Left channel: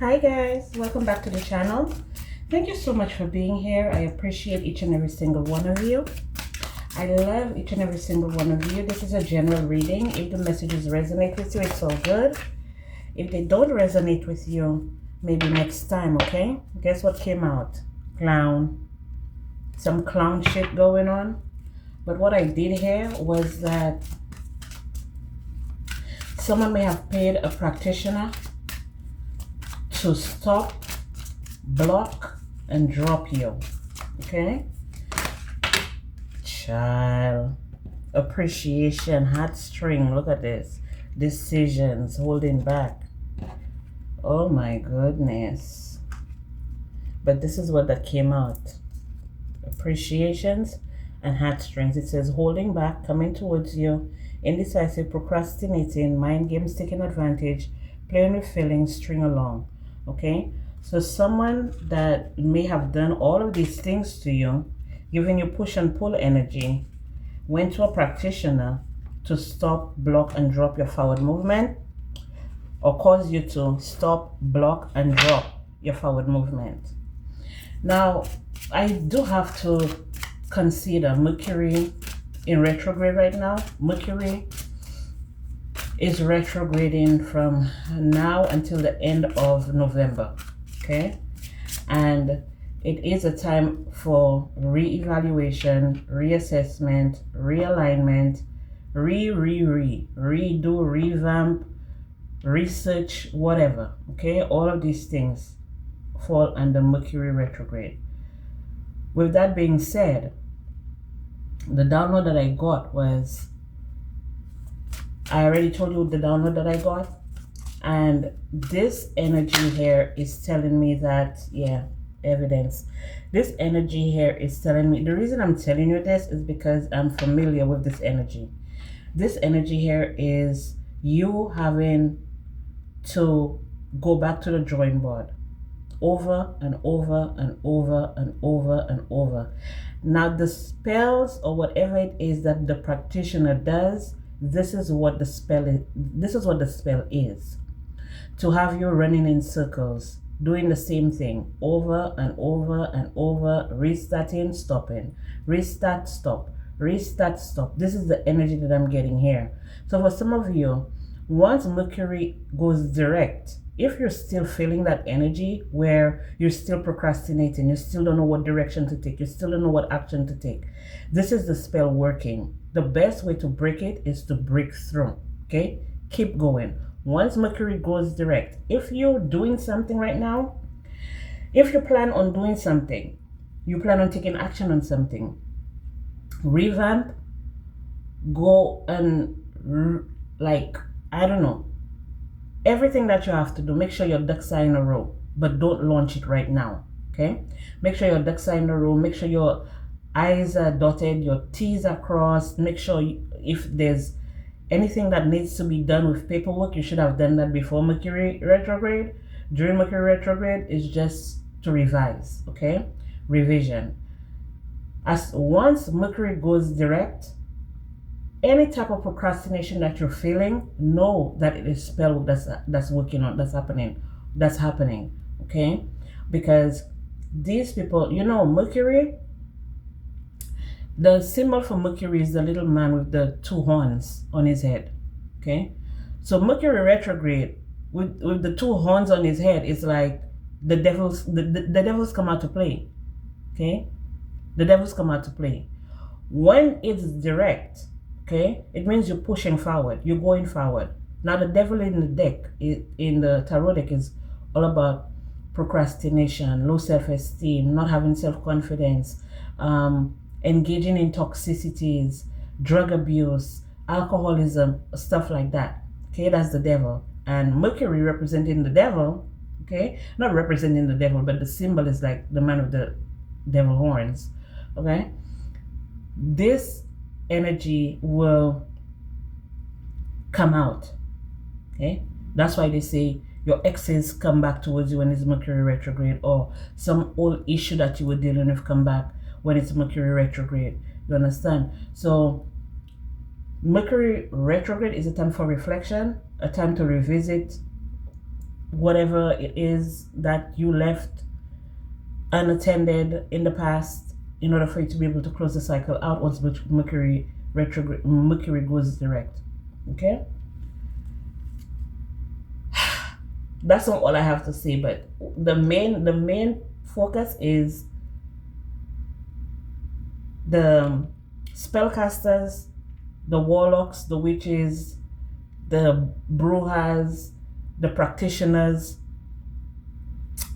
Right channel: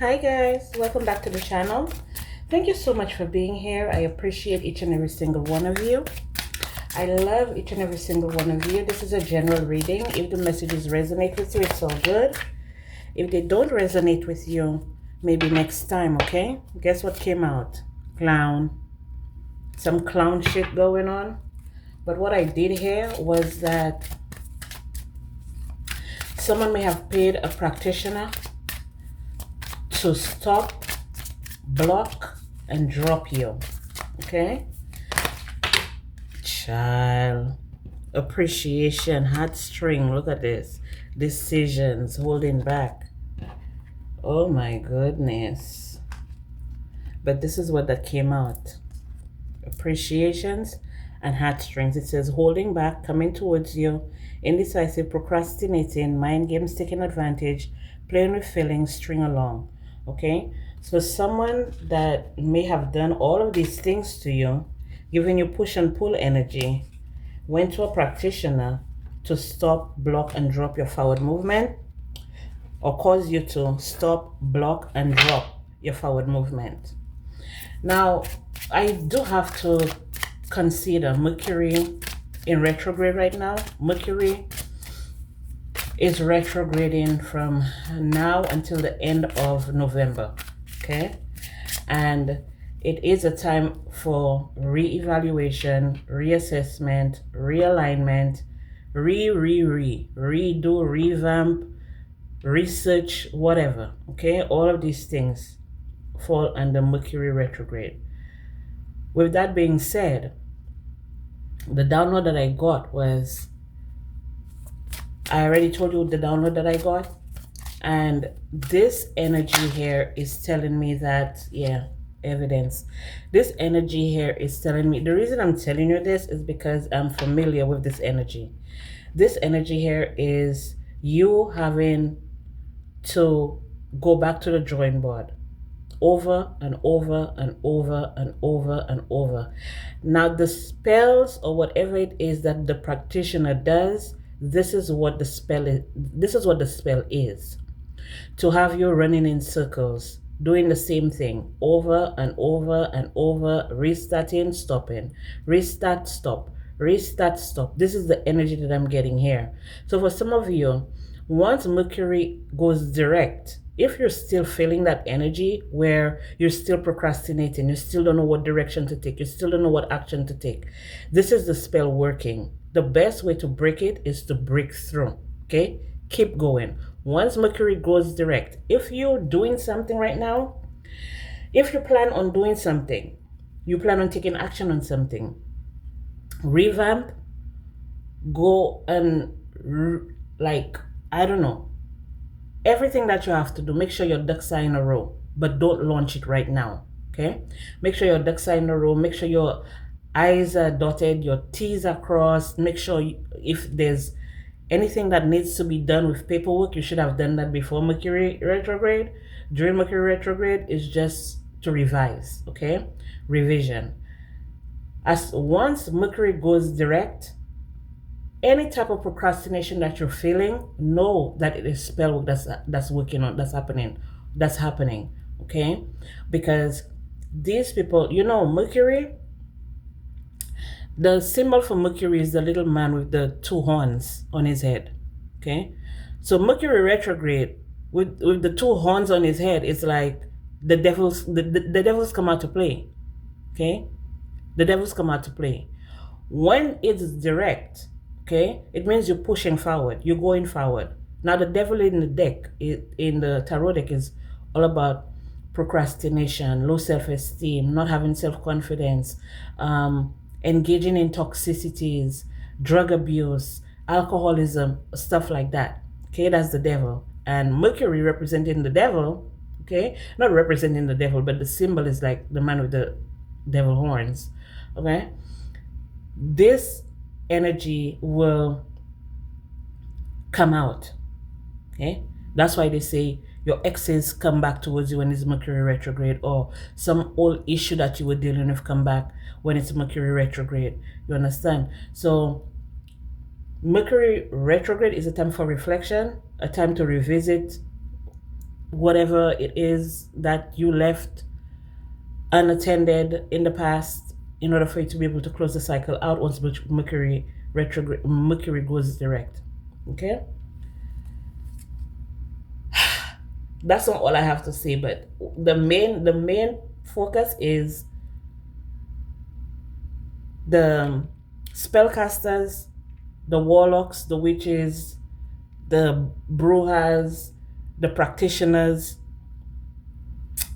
Hi guys, welcome back to the channel. Thank you so much for being here. I appreciate each and every single one of you. I love each and every single one of you. This is a general reading. If the messages resonate with you, it's all good. If they don't resonate with you, maybe next time, okay? Guess what came out? Clown. Some clown shit going on. But what I did here was that someone may have paid a practitioner to stop, block, and drop you. Okay? Child. Appreciation, heartstring. Look at this. Decisions, holding back. Oh my goodness. But this is what that came out. Appreciations and heartstrings. It says holding back, coming towards you, indecisive, procrastinating, mind games, taking advantage, playing with feelings, string along. Okay, so someone that may have done all of these things to you, giving you push and pull energy, went to a practitioner to stop, block, and drop your forward movement, or cause you to stop, block, and drop your forward movement. Now, I do have to consider Mercury in retrograde right now. Mercury is retrograding from now until the end of November, okay? And it is a time for re-evaluation, reassessment, realignment, redo, revamp, research, whatever, okay? All of these things fall under Mercury retrograde. With that being said, the download that I got was, I already told you the download that I got, and this energy here is telling me that, yeah, evidence. This energy here is telling me, the reason I'm telling you this is because I'm familiar with this energy. This energy here is you having to go back to the drawing board over and over and over and over and over. Now the spells or whatever it is that the practitioner does, this is what the spell is. This is what the spell is. To have you running in circles, doing the same thing over and over and over, restarting, stopping, restart, stop, restart, stop. This is the energy that I'm getting here. So for some of you, once Mercury goes direct, if you're still feeling that energy where you're still procrastinating, you still don't know what direction to take, you still don't know what action to take, this is the spell working. The best way to break it is to break through, okay? Keep going. Once Mercury goes direct, if you're doing something right now, if you plan on doing something, you plan on taking action on something, revamp, go and I don't know, everything that you have to do, make sure your ducks are in a row, but don't launch it right now, okay? Make sure your ducks are in a row, make sure your I's are dotted, your T's are crossed, make sure if there's anything that needs to be done with paperwork, you should have done that before Mercury retrograde. During Mercury retrograde is just to revise, okay? Revision. As once Mercury goes direct, any type of procrastination that you're feeling, know that it is spell work that's working on, that's happening, okay? Because these people, you know, Mercury, the symbol for Mercury is the little man with the two horns on his head, okay? So Mercury retrograde with the two horns on his head is like the devils come out to play, okay? The devils come out to play. When it's direct, okay, it means you're pushing forward, you're going forward. Now the devil in the deck, in the tarot deck, is all about procrastination, low self-esteem, not having self-confidence, engaging in toxicities, drug abuse, alcoholism, stuff like that. Okay, that's the devil. And Mercury representing the devil, okay, not representing the devil, but the symbol is like the man with the devil horns, okay? This energy will come out, okay? That's why they say your exes come back towards you when it's Mercury retrograde, or some old issue that you were dealing with come back when it's Mercury retrograde. You understand? So Mercury retrograde is a time for reflection, a time to revisit whatever it is that you left unattended in the past, in order for you to be able to close the cycle out once Mercury retrograde, Mercury goes direct. Okay, that's not all I have to say, but the main focus is the spellcasters, the warlocks, the witches, the brujas, the practitioners.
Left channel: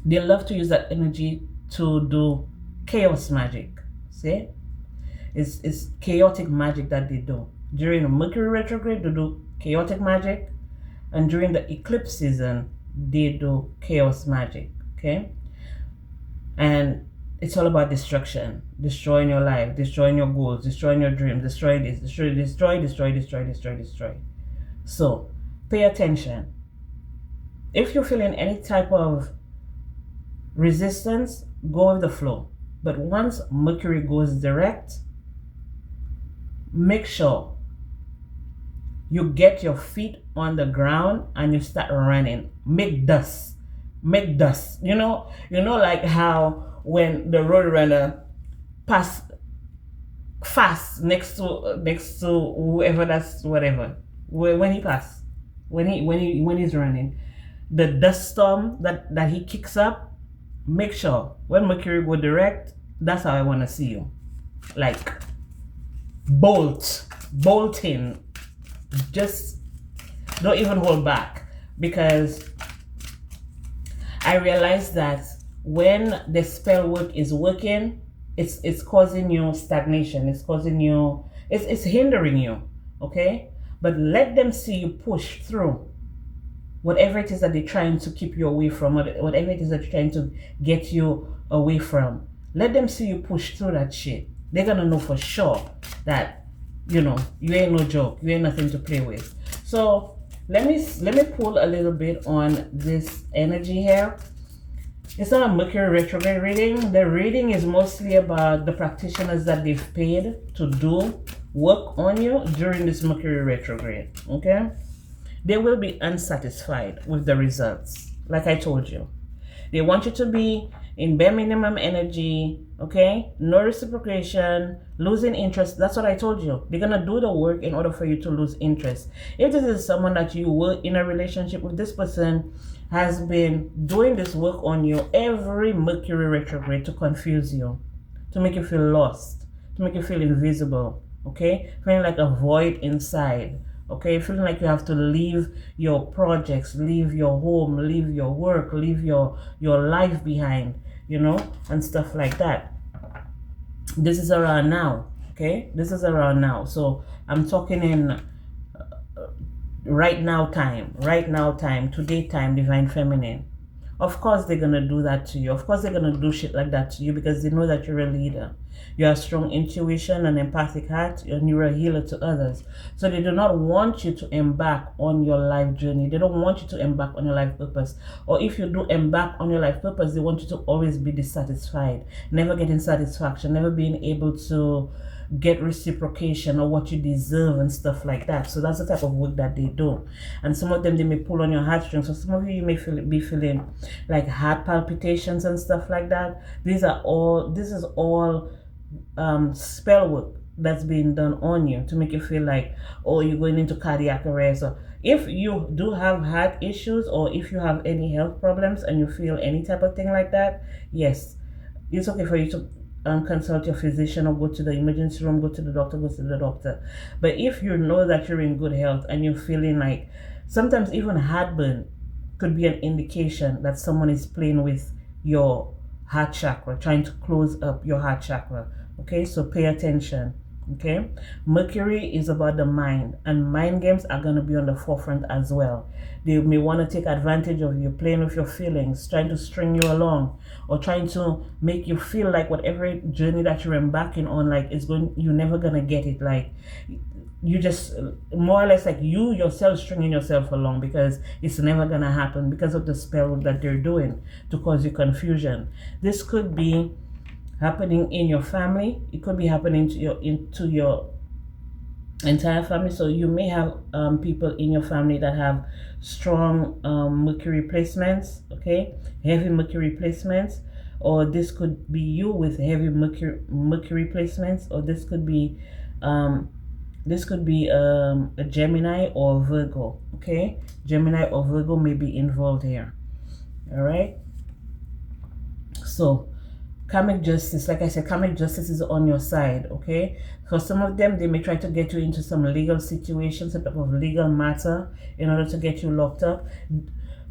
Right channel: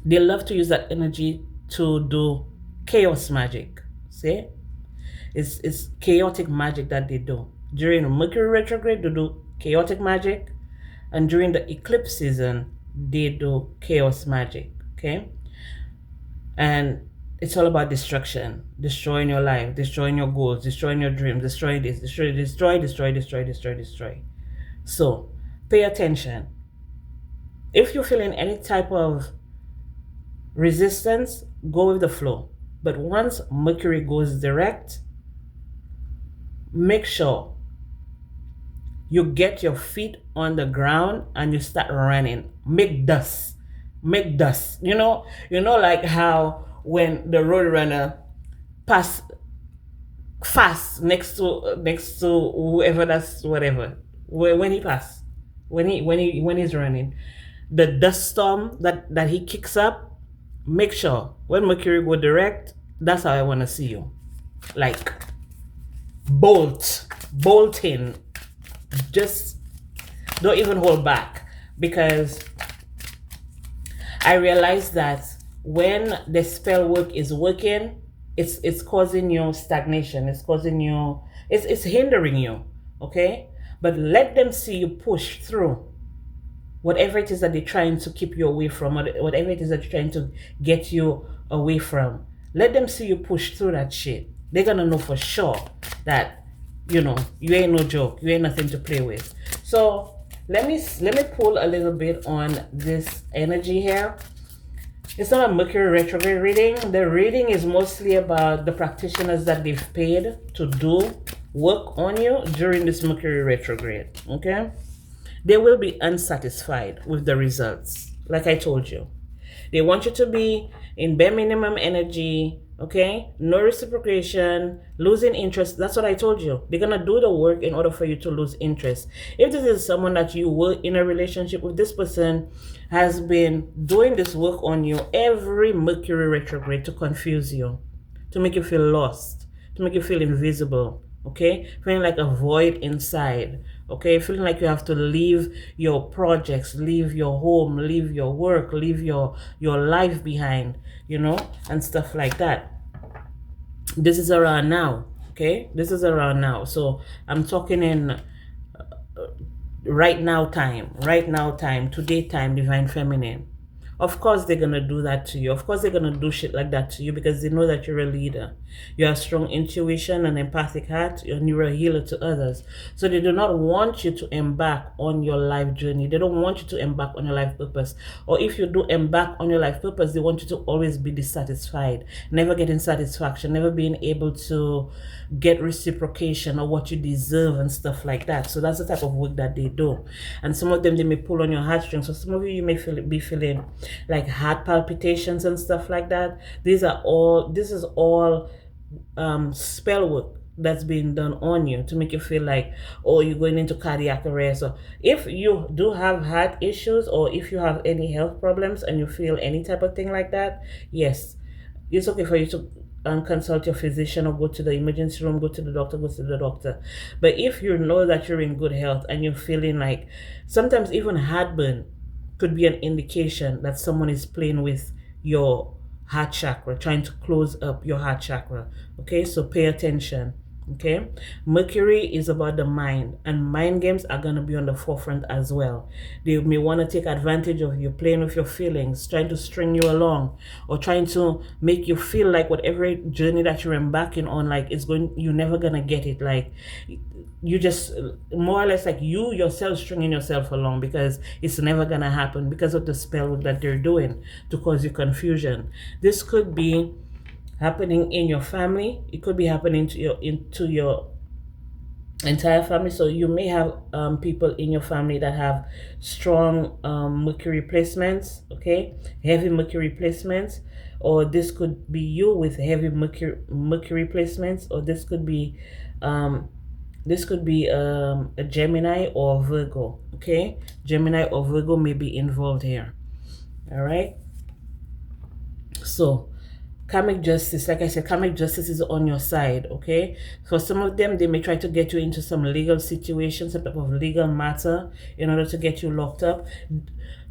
They love to use that energy to do chaos magic. See, it's chaotic magic that they do. During the Mercury retrograde, they do chaotic magic, and during the eclipse season, they do chaos magic. Okay, and it's all about destruction, destroying your life, destroying your goals, destroying your dreams, destroy this, destroy. So pay attention. If you're feeling any type of resistance, go with the flow. But once Mercury goes direct, make sure you get your feet on the ground and you start running. Make dust. You know like how when the road runner pass fast next to whoever, that's whatever, when he's running, the dust storm that he kicks up, make sure when Mercury go direct, that's how I want to see you. Like bolting, just don't even hold back, because I realize that when the spell work is working, it's causing you stagnation, it's hindering you. Okay, but let them see you push through whatever it is that they're trying to keep you away from, whatever it is that you're trying to get you away from. Let them see you push through that shit. They're gonna know for sure that you ain't no joke, you ain't nothing to play with. So let me pull a little bit on this energy here. It's not a Mercury retrograde reading. The reading is mostly about the practitioners that they've paid to do work on you during this Mercury retrograde. Okay, they will be unsatisfied with the results. Like I told you, they want you to be in bare minimum energy. Okay, no reciprocation, losing interest. That's what I told you. They're gonna do the work in order for you to lose interest. If this is someone that you were in a relationship with, this person has been doing this work on you every Mercury retrograde to confuse you, to make you feel lost, to make you feel invisible. Okay, feeling like a void inside. Okay, feeling like you have to leave your projects, leave your home, leave your work, leave your life behind, and stuff like that. This is around now. Okay, this is around now. So I'm talking in right now time, today time, divine feminine. Of course they're gonna do that to you. Of course they're gonna do shit like that to you, because they know that you're a leader. You have strong intuition and empathic heart, and you're a healer to others. So they do not want you to embark on your life journey. They don't want you to embark on your life purpose. Or if you do embark on your life purpose, they want you to always be dissatisfied, never getting satisfaction, never being able to get reciprocation or what you deserve and stuff like that. So that's the type of work that they do. And some of them, they may pull on your heartstrings. So some of you may be feeling like heart palpitations and stuff like that. This is all spell work that's being done on you to make you feel like, oh, you're going into cardiac arrest. So if you do have heart issues, or if you have any health problems and you feel any type of thing like that, yes, it's okay for you to consult your physician or go to the emergency room, go to the doctor. But if you know that you're in good health and you're feeling like, sometimes even heartburn could be an indication that someone is playing with your heart chakra, trying to close up your heart chakra. Okay, so pay attention. Okay, Mercury is about the mind, and mind games are going to be on the forefront as well. They may want to take advantage of you, playing with your feelings, trying to string you along, or trying to make you feel like whatever journey that you're embarking on, like you're never gonna get it. Like you just more or less like you yourself stringing yourself along, because it's never gonna happen because of the spell that they're doing to cause you confusion. This could be happening in your family. It could be happening into your entire family. So you may have people in your family that have strong Mercury placements, okay, heavy Mercury placements, or this could be you with heavy Mercury placements, or um, this could be a Gemini or Virgo, okay. Gemini or Virgo may be involved here. All right. So karmic justice, like I said, karmic justice is on your side, okay? For some of them, they may try to get you into some legal situation, some type of legal matter in order to get you locked up.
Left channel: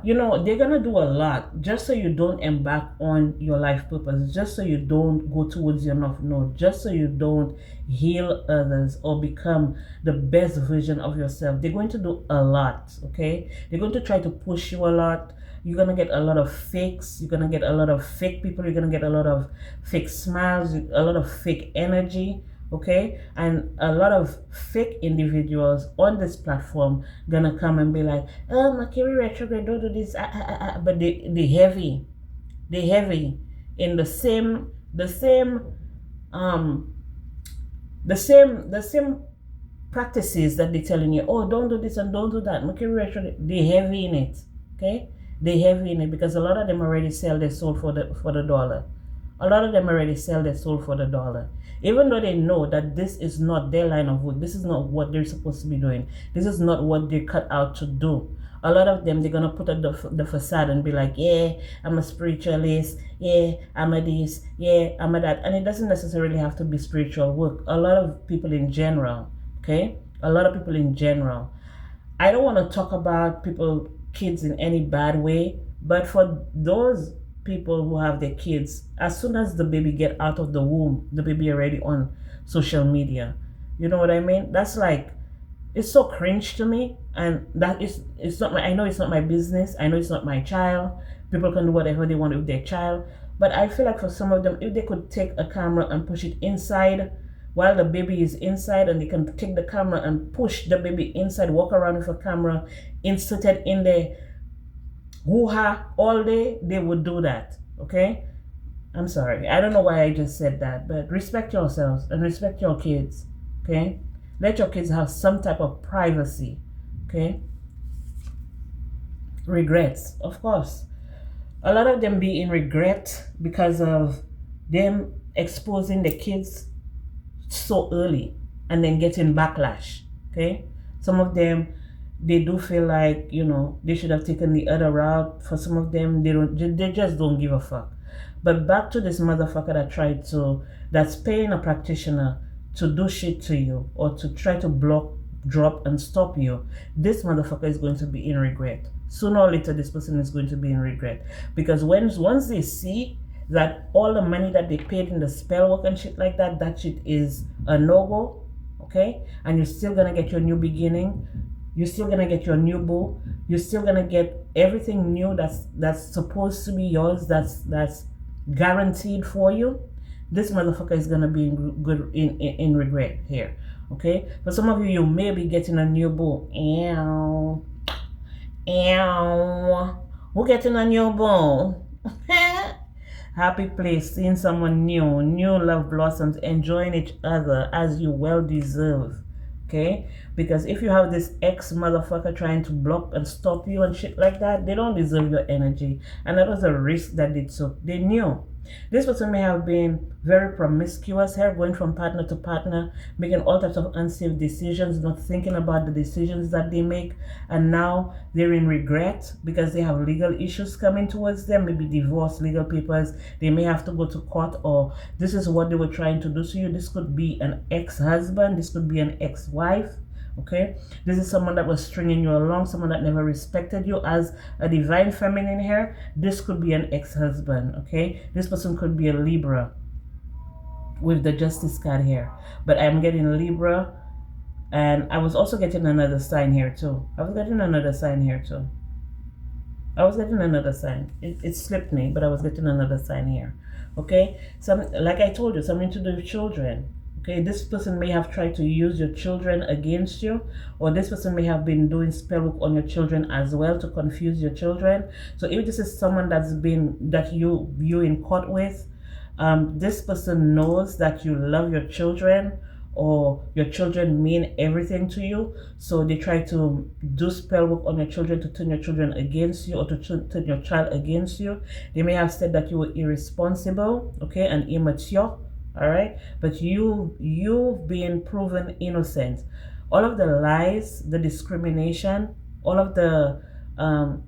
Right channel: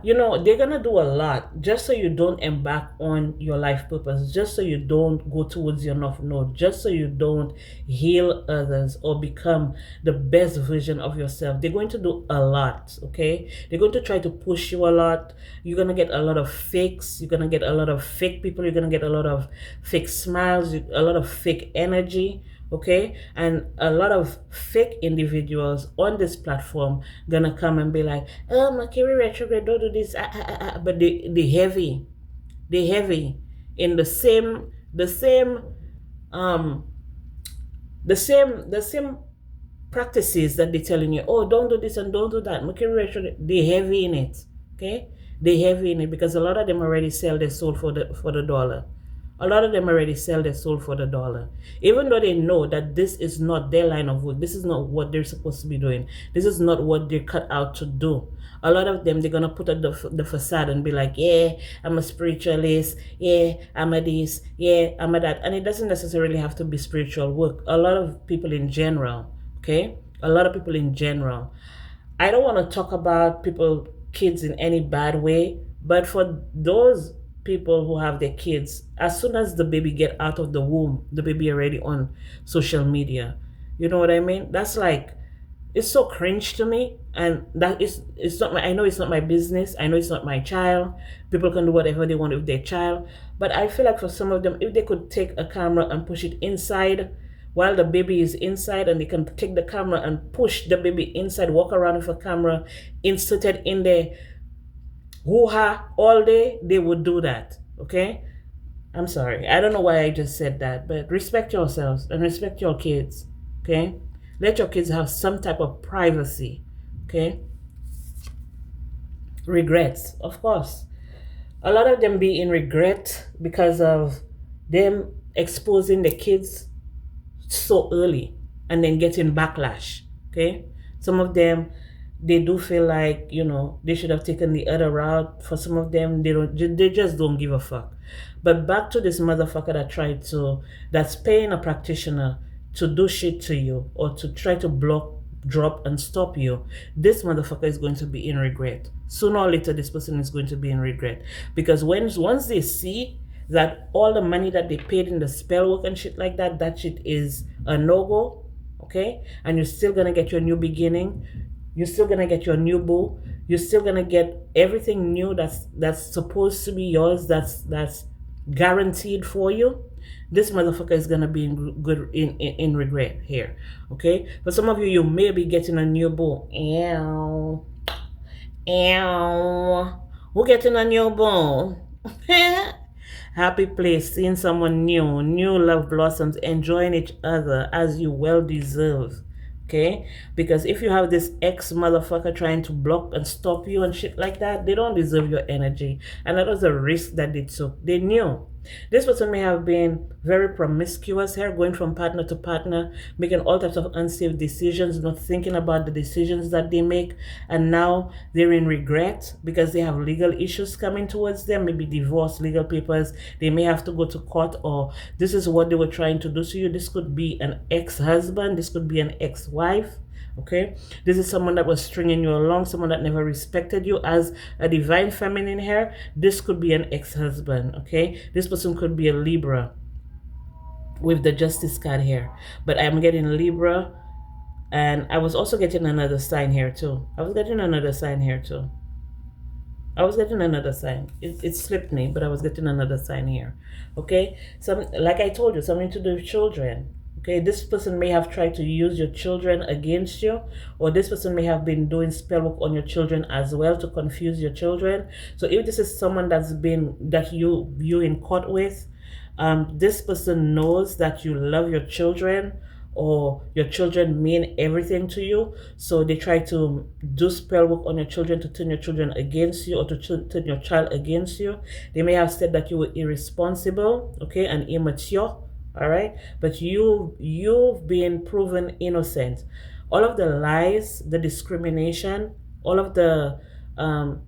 You know, they're gonna do a lot just so you don't embark on your life purpose, just so you don't go towards your north node, just so you don't heal others or become the best version of yourself. They're going to do a lot, okay? They're going to try to push you a lot. You're gonna get a lot of fakes, you're gonna get a lot of fake people, you're gonna get a lot of fake smiles, a lot of fake energy, okay, and a lot of fake individuals on this platform gonna come and be like, oh, Mercury retrograde, don't do this, but they heavy in um the same practices that they're telling you, oh, don't do this and don't do that. Mercury retrograde, they heavy in it, okay, they heavy in it because a lot of them already sell their soul for the dollar. A lot of them already sell their soul for the dollar, even though they know that this is not their line of work. This is not what they're supposed to be doing. This is not what they're cut out to do. A lot of them, they're gonna put up the facade and be like, yeah, I'm a spiritualist, yeah, I'm a this, yeah, I'm a that. And it doesn't necessarily have to be spiritual work. A lot of people in general, okay, a lot of people in general, I don't want to talk about people, kids in any bad way, but for those people who have their kids, as soon as the baby get out of the womb, the baby already on social media. You know what I mean? That's like, it's so cringe to me, and that is, it's not my, I know it's not my business, I know it's not my child, people can do whatever they want with their child, but I feel like for some of them, if they could take a camera and push it inside while the baby is inside, and they can take the camera and push the baby inside, walk around with a camera inserted in their hoo-ha all day, they would do that, okay. I'm sorry, I don't know why I just said that, but respect yourselves and respect your kids, okay. Let your kids have some type of privacy, okay. Regrets, of course, a lot of them be in regret because of them exposing the kids so early and then getting backlash, okay. Some of them, they do feel like, you know, they should have taken the other route. For some of them, they just don't give a fuck. But back to this motherfucker that's paying a practitioner to do shit to you or to try to block, drop, and stop you. This motherfucker is going to be in regret. Sooner or later, this person is going to be in regret. Because once they see that all the money that they paid in the spell work and shit like that, that shit is a no-go, okay? And you're still gonna get your new beginning. You're still gonna get your new boo. You're still gonna get everything new that's supposed to be yours, that's guaranteed for you. This motherfucker is gonna be in regret here, okay. For some of you, you may be getting a new boo. Ew, ew. Who getting a new boo? Happy place, seeing someone new love blossoms, enjoying each other as you well deserve, okay. Because if you have this ex motherfucker trying to block and stop you and shit like that, they don't deserve your energy, and that was a risk that they took. They knew. This person may have been very promiscuous here, going from partner to partner, making all types of unsafe decisions, not thinking about the decisions that they make, and now they're in regret because they have legal issues coming towards them, maybe divorce, legal papers, they may have to go to court, or this is what they were trying to do to you. This could be an ex-husband, this could be an ex-wife, okay. This is someone that was stringing you along, someone that never respected you as a divine feminine here. This could be an ex-husband, okay. This person could be a Libra with the Justice card here, but I'm getting Libra, and I was also getting another sign here too. I was getting another sign. It slipped me, but I was getting another sign here, okay. Like I told you, something to do with children. Okay, this person may have tried to use your children against you, or this person may have been doing spell work on your children as well to confuse your children. So if this is someone that you in court with, this person knows that you love your children, or your children mean everything to you. So they try to do spell work on your children to turn your children against you, or to turn your child against you. They may have said that you were irresponsible, okay, and immature, all right, but you've been proven innocent. All of the lies, the discrimination, all of the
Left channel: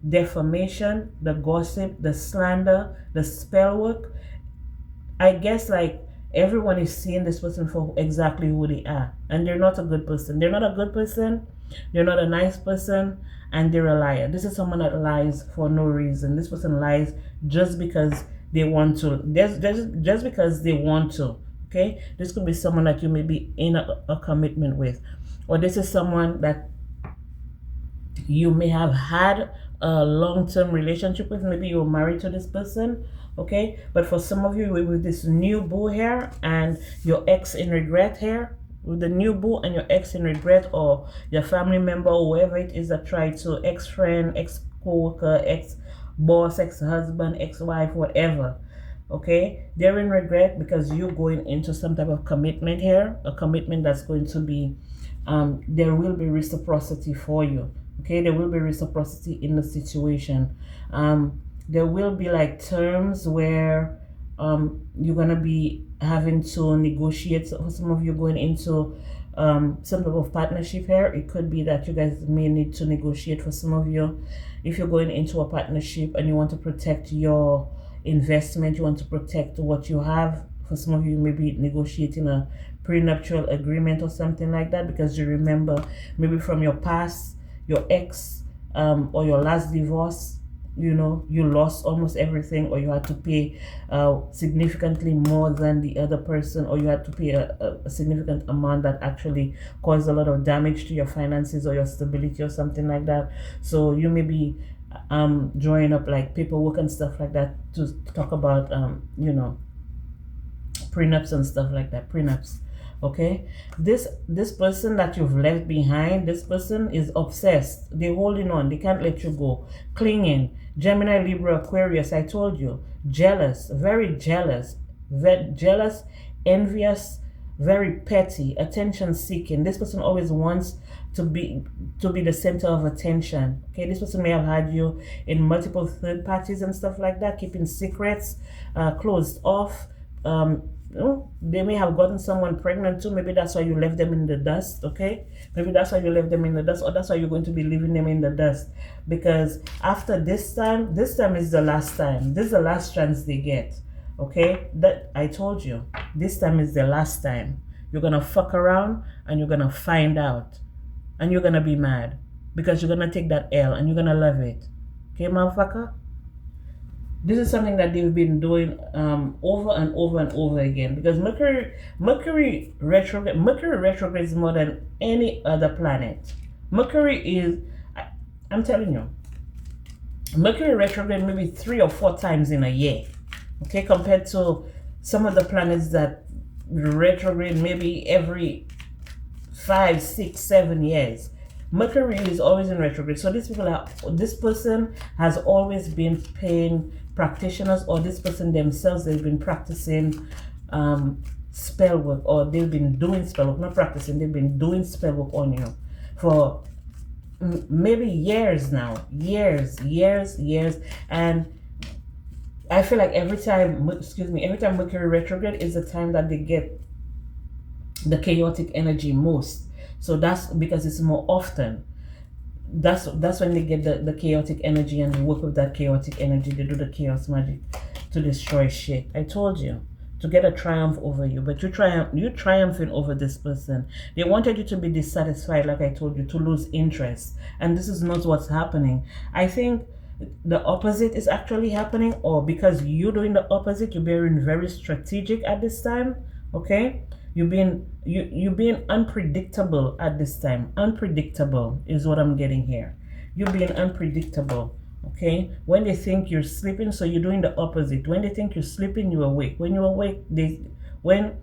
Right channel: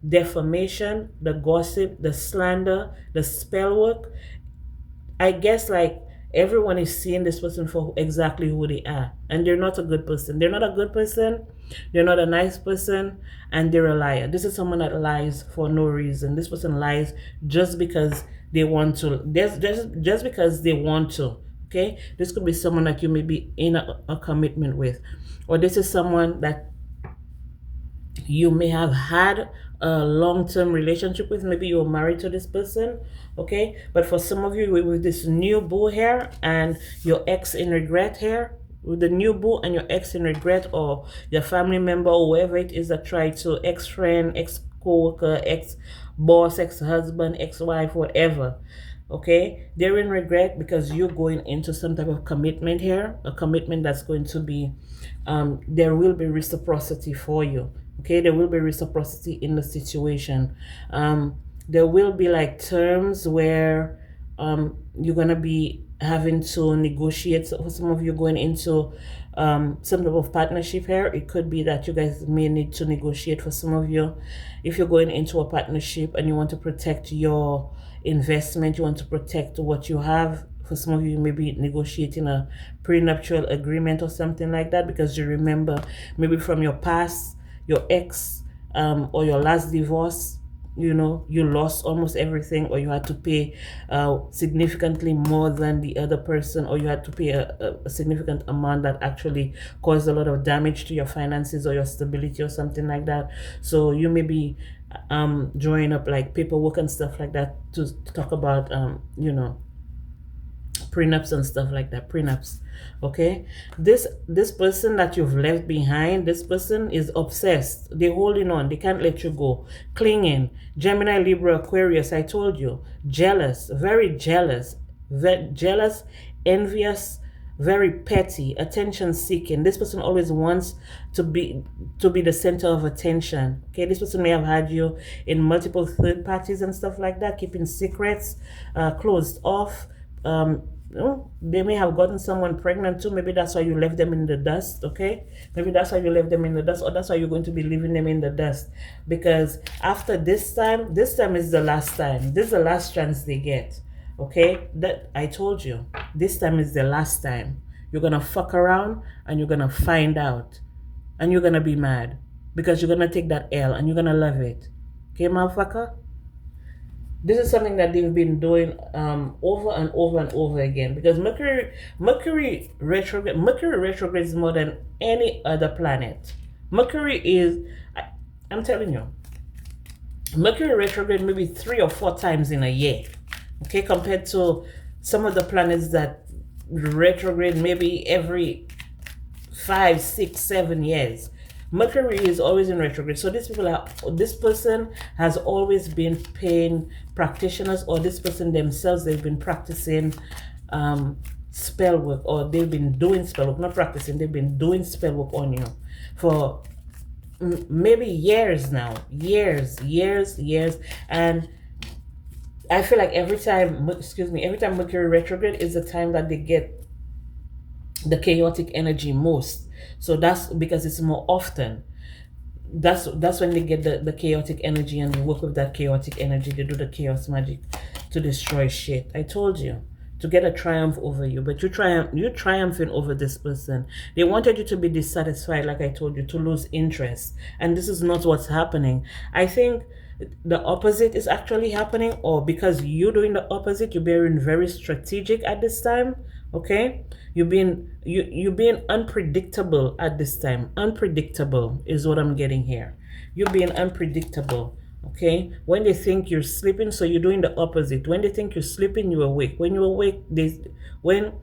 defamation, the gossip, the slander, the spell work, I guess like everyone is seeing this person for exactly who they are, and they're not a good person. They're not a good person. They're not a nice person, and they're a liar. This is someone that lies for no reason. This person lies just because they want to. Just because they want to. Okay, this could be someone that you may be in a commitment with, or this is someone that you may have had a long-term relationship with. Maybe you're married to this person, okay, but for some of you with this new boo here and your ex in regret here, with the new boo and your ex in regret, or your family member or whoever it is that tried to, ex-friend, ex-co-worker, ex-boss, ex-husband, ex-wife, whatever, okay, they're in regret because you're going into some type of commitment here, a commitment that's going to be there will be reciprocity for you. Okay, there will be reciprocity in the situation. There will be like terms where you're gonna be having to negotiate. So for some of you going into some type of partnership here, it could be that you guys may need to negotiate. For some of you, if you're going into a partnership and you want to protect your investment, you want to protect what you have. For some of you, you may be negotiating a prenuptial agreement or something like that, because you remember maybe from your past, your ex or your last divorce, you know, you lost almost everything, or you had to pay significantly more than the other person, or you had to pay a significant amount that actually caused a lot of damage to your finances or your stability or something like that. So you may be drawing up like paperwork and stuff like that to talk about you know, prenups and stuff like that. Prenups. Okay, this person that you've left behind, this person is obsessed. They're holding on. They can't let you go. Clinging. Gemini, Libra, Aquarius, I told you. Jealous, very jealous, jealous, envious, very petty, attention seeking. This person always wants to be the center of attention. Okay, this person may have had you in multiple third parties and stuff like that, keeping secrets, closed off. They may have gotten someone pregnant too. Maybe that's why you left them in the dust. Okay, maybe that's why you left them in the dust, or that's why you're going to be leaving them in the dust, because after this time is the last time. This is the last chance they get. Okay, that I told you, this time is the last time. You're gonna fuck around and you're gonna find out, and you're gonna be mad because you're gonna take that L and you're gonna love it. Okay, motherfucker. This is something that they've been doing over and over and over again, because Mercury retrograde is more than any other planet. Mercury is, I'm telling you, Mercury retrograde maybe 3 or 4 times in a year. Okay, compared to some of the planets that retrograde maybe every 5, 6, 7 years. Mercury is always in retrograde. So this person has always been paying practitioners, or this person themselves, they've been practicing spell work, or they've been doing spell work, not practicing, they've been doing spell work on you for maybe years now, years. And I feel like every time Mercury retrograde is the time that they get the chaotic energy most. So that's because it's more often. That's when they get the chaotic energy, and they work with that chaotic energy. They do the chaos magic to destroy shit. I told you, to get a triumph over you, but you're triumphing over this person. They wanted you to be dissatisfied, like I told you, to lose interest, and this is not what's happening. I think the opposite is actually happening, or because you're doing the opposite, you're being very strategic at this time. Okay, you're being unpredictable at this time. Unpredictable is what I'm getting here. You're being unpredictable. Okay, when they think you're sleeping, so you're doing the opposite. When they think you're sleeping, you're awake. When you're awake, when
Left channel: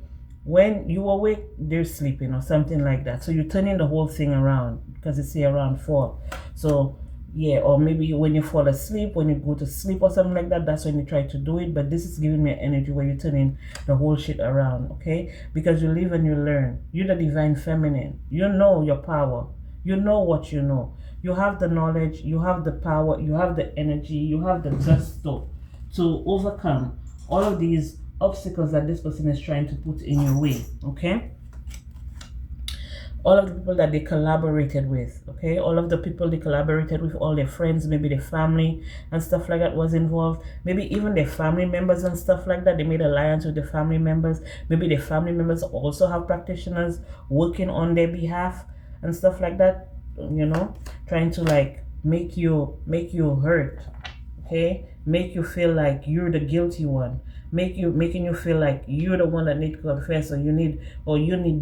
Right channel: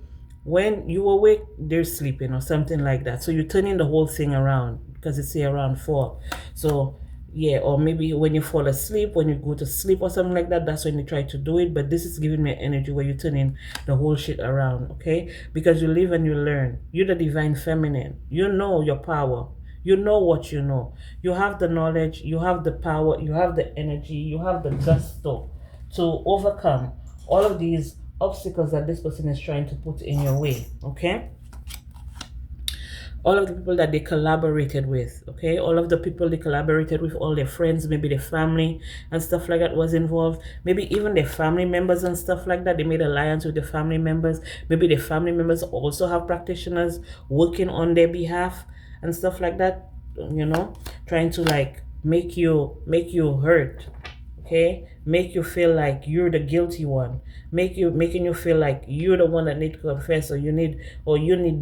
you awake, they're sleeping, or something like that. So you're turning the whole thing around, because it's here around 4. So Yeah, or maybe when you fall asleep, when you go to sleep or something like that, that's when you try to do it. But this is giving me energy where you turn in the whole shit around, okay? Because you live and you learn. You're the divine feminine. You know your power. You know what you know. You have the knowledge, you have the power, you have the energy, you have the gusto to overcome all of these obstacles that this person is trying to put in your way, okay? All of the people that they collaborated with, okay? All of the people they collaborated with, all their friends, maybe their family and stuff like that was involved. Maybe even their family members and stuff like that. They made alliance with their family members. Maybe their family members also have practitioners working on their behalf and stuff like that, you know, trying to like make you hurt, okay? Make you feel like you're the guilty one. Making you feel like you're the one that need to confess, or you need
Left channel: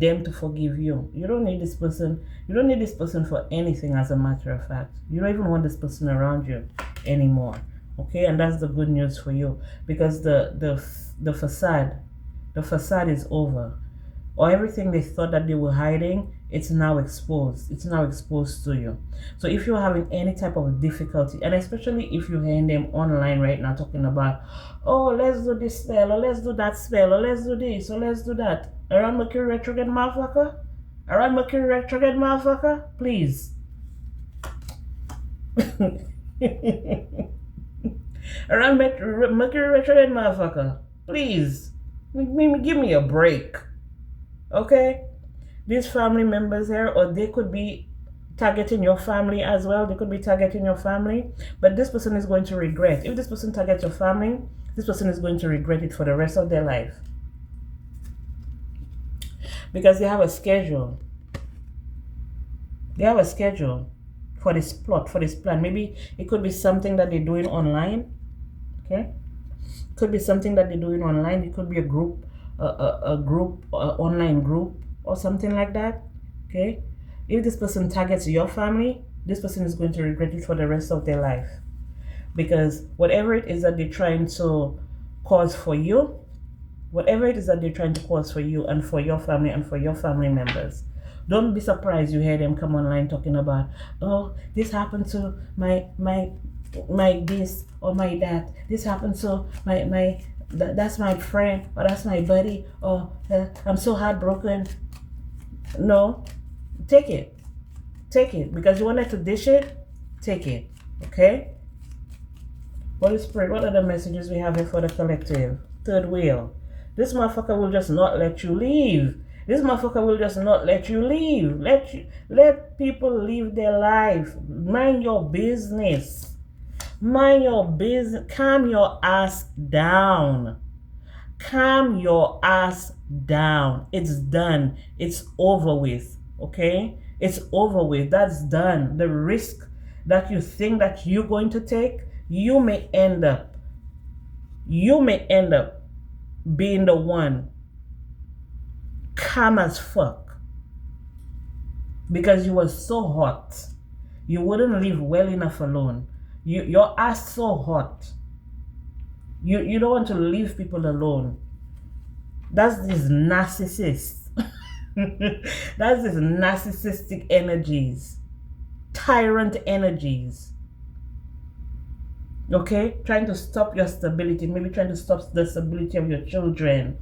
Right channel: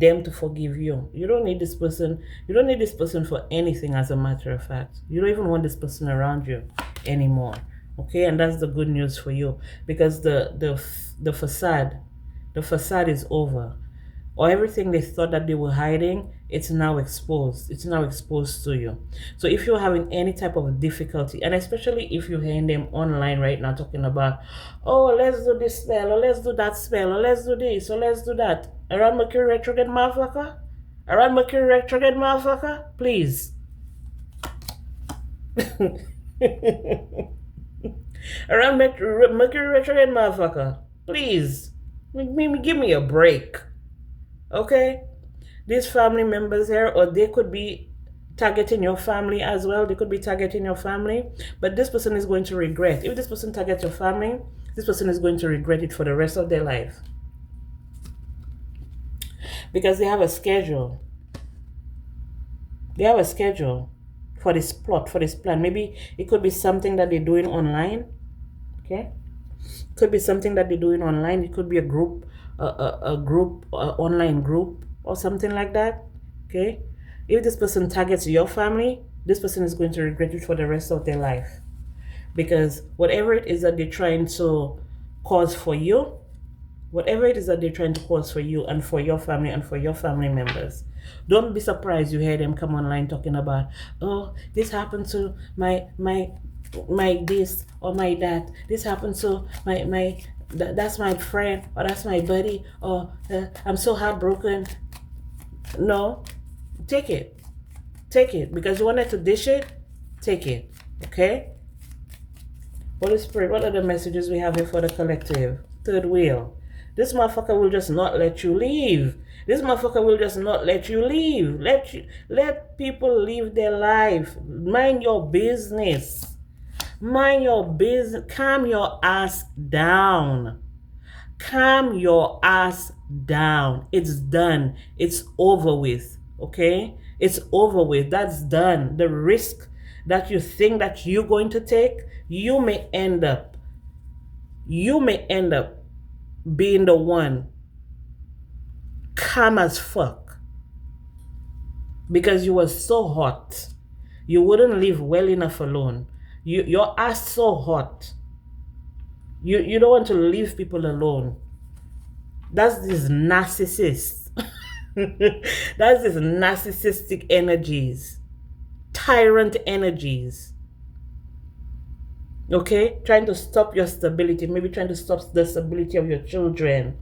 them to forgive you. You don't need this person. You don't need this person for anything, as a matter of fact. You don't even want this person around you anymore. Okay, and that's the good news for you, because the facade is over. Or everything they thought that they were hiding, it's now exposed. It's now exposed to you. So if you're having any type of difficulty, and especially if you're hearing them online right now talking about, oh, let's do this spell, or let's do that spell, or let's do this, or let's do that. Around Mercury retrograde, motherfucker? Around Mercury retrograde, motherfucker? Please. Around Mercury retrograde, motherfucker? Please. Give me a break. Okay, these family members here, or they could be targeting your family as well. They could be targeting your family, but this person is going to regret. If this person targets your family, this person is going to regret it for the rest of their life, because they have a schedule. They have a schedule for this plot, for this plan. Maybe it could be something that they're doing online. Okay, could be something that they're doing online. It could be a group, online group or something like that. Okay, if this person targets your family, this person is going to regret it for the rest of their life, because whatever it is that they're trying to cause for you, and for your family and for your family members, don't be surprised you hear them come online talking about, oh, this happened to my this or my that. This happened to my that's my friend, or that's my buddy, or I'm so heartbroken. No, take it, because you wanted to dish it. Take it, okay? Holy Spirit, what are the messages we have here for the collective? Third wheel. This motherfucker will just not let you leave. This motherfucker will just not let you leave. Let people live their life. Mind your business. Mind your business. Calm your ass down. Calm your ass down. It's done. It's over with. Okay? It's over with. That's done. The risk that you think that you're going to take, you may end up being the one calm as fuck, because you were so hot. You wouldn't leave well enough alone. Your ass so hot. You don't want to leave people alone. That's this narcissist. That's this narcissistic energies, tyrant energies. Okay, trying to stop your stability, maybe trying to stop the stability of your children,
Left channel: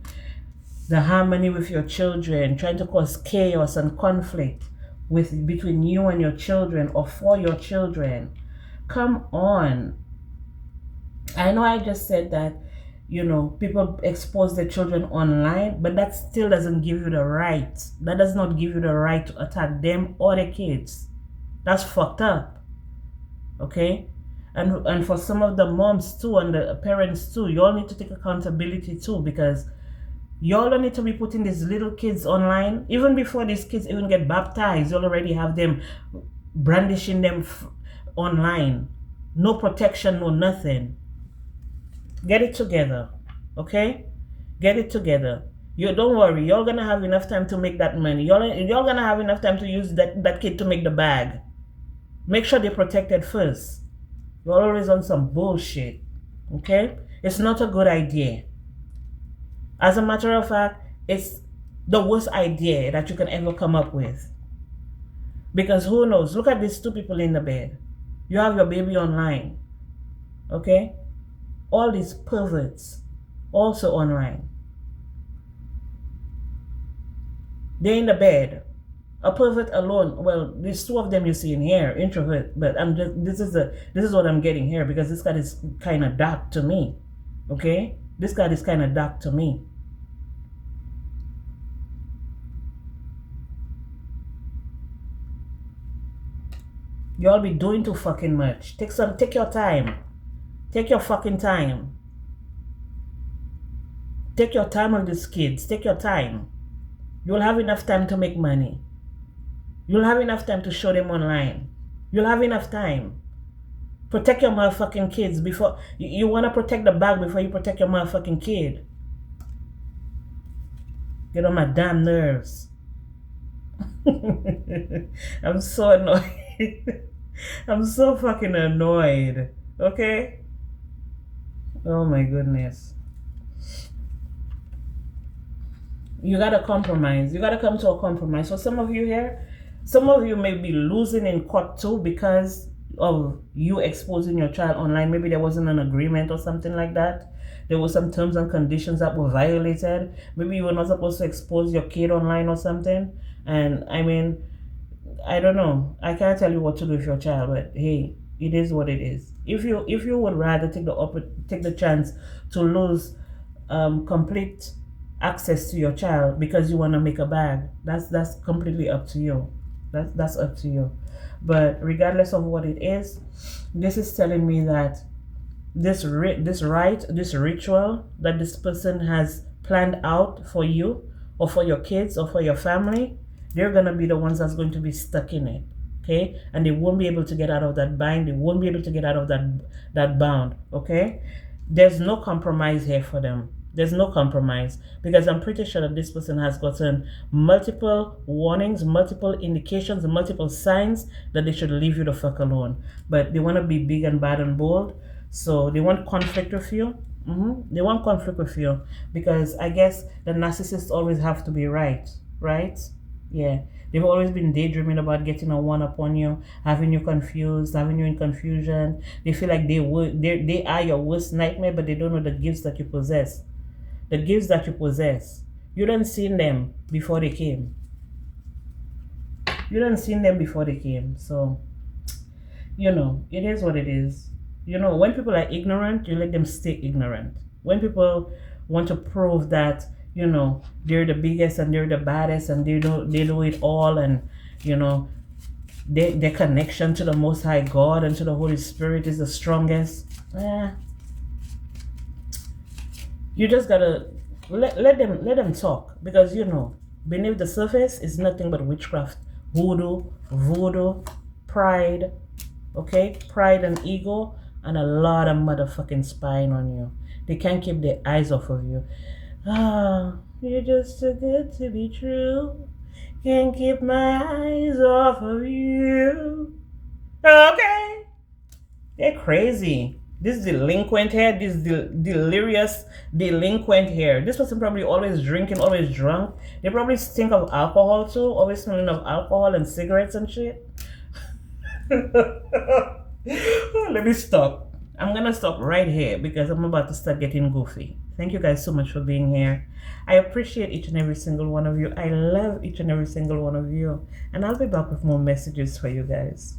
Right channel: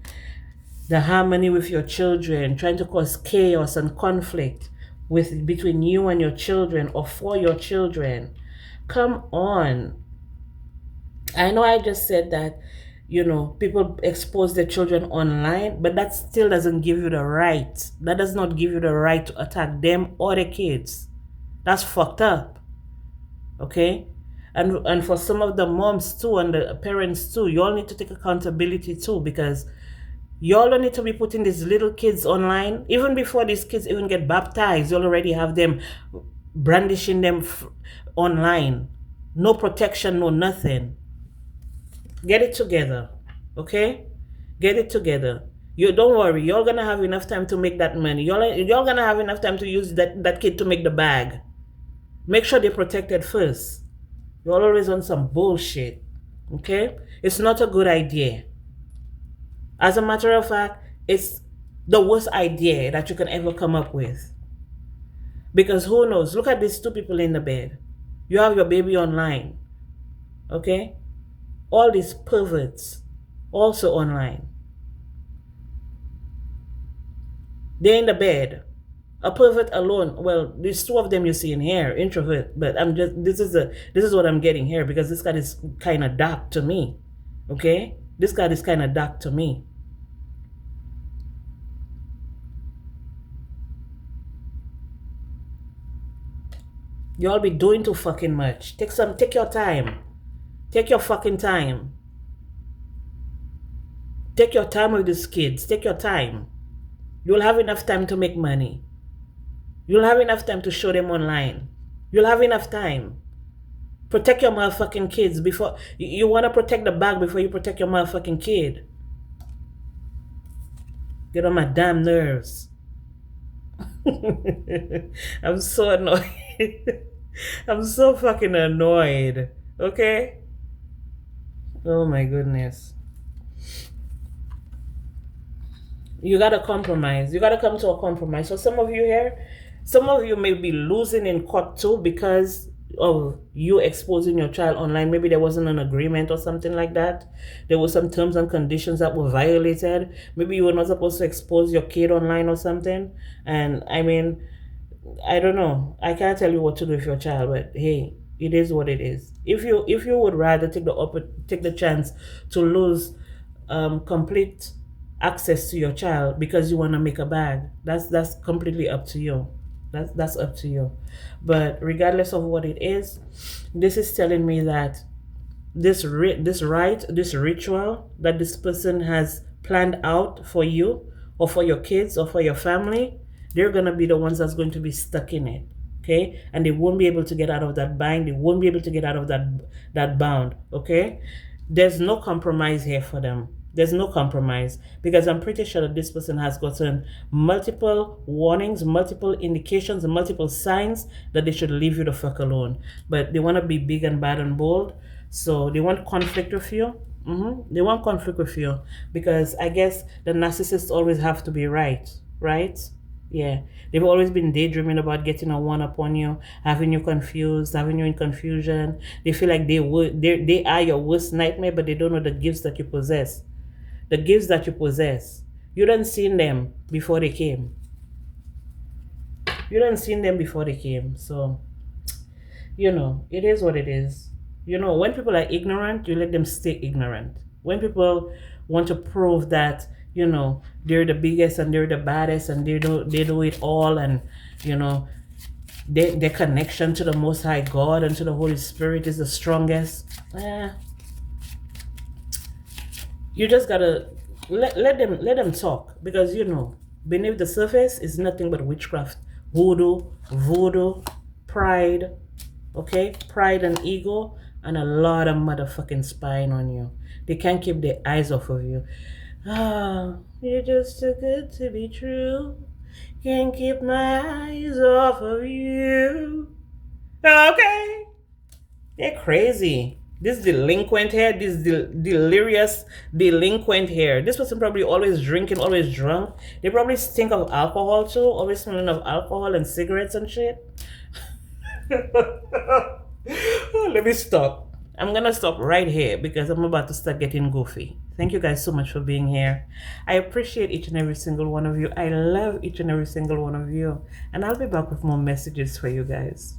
the harmony with your children, trying to cause chaos and conflict between you and your children, or for your children. Come on. I know I just said that, people expose their children online, but that still doesn't give you the right. That does not give you the right to attack them or their kids. That's fucked up. Okay? And for some of the moms too, and the parents too, you all need to take accountability too, because you all don't need to be putting these little kids online. Even before these kids even get baptized, you already have them brandishing them online. No protection, no nothing. Get it together, okay? Get it together. You don't worry, you're gonna have enough time to make that money. You're gonna have enough time to use that kid to make the bag. Make sure they're protected first. You're always on some bullshit, okay? It's not a good idea. As a matter of fact, it's the worst idea that you can ever come up with. Because who knows? Look at these two people in the bed. You have your baby online. Okay? All these perverts also online. They're in the bed. A pervert alone. Well, there's two of them you see in here, introvert. But I'm just this is what I'm getting here because this card is kind of dark to me. Okay, this card is kind of dark to me. You all be doing too fucking much. Take your time. Take your fucking time. Take your time with these kids. Take your time. You'll have enough time to make money. You'll have enough time to show them online. You'll have enough time. Protect your motherfucking kids before you want to protect the bag before you protect your motherfucking kid. Get on my damn nerves. I'm so annoyed. I'm so fucking annoyed. Okay? Oh my goodness. You gotta compromise. You gotta come to a compromise. So some of you here, some of you may be losing in court too because of you exposing your child online. Maybe there wasn't an agreement or something like that. There were some terms and conditions that were violated. Maybe you were not supposed to expose your kid online or something. And I mean, I don't know. I can't tell you what to do with your child, but hey, it is what it is. If you would rather take the chance to lose complete access to your child because you want to make a bag, that's completely up to you. That's up to you. But regardless of what it is, this is telling me that this ritual that this person has planned out for you or for your kids or for your family, they're gonna be the ones that's going to be stuck in it. Okay, and they won't be able to get out of that bind. They won't be able to get out of that bound. Okay, there's no compromise here for them. There's no compromise because I'm pretty sure that this person has gotten multiple warnings, multiple indications, and multiple signs that they should leave you the fuck alone. But they want to be big and bad and bold, so they want conflict with you. They want conflict with you because I guess the narcissists always have to be right? Yeah, they've always been daydreaming about getting a one up on you, having you confused, having you in confusion. They feel like they are your worst nightmare, but they don't know the gifts that you possess. The gifts that you possess. You didn't seen them before they came. You didn't seen them before they came. So, it is what it is. When people are ignorant, you let them stay ignorant. When people want to prove that, they're the biggest and they're the baddest and they do it all and, their connection to the Most High God and to the Holy Spirit is the strongest. You just gotta let them talk because beneath the surface is nothing but witchcraft, voodoo, pride, okay, pride and ego, and a lot of motherfucking spying on you. They can't keep their eyes off of you. You're just too good to be true. Can't keep my eyes off of you. Okay, they're crazy. This delinquent here, this delirious delinquent here. This person probably always drinking, always drunk. They probably stink of alcohol too, always smelling of alcohol and cigarettes and shit. Let me stop. I'm gonna stop right here because I'm about to start getting goofy. Thank you guys so much for being here. I appreciate each and every single one of you. I love each and every single one of you. And I'll be back with more messages for you guys.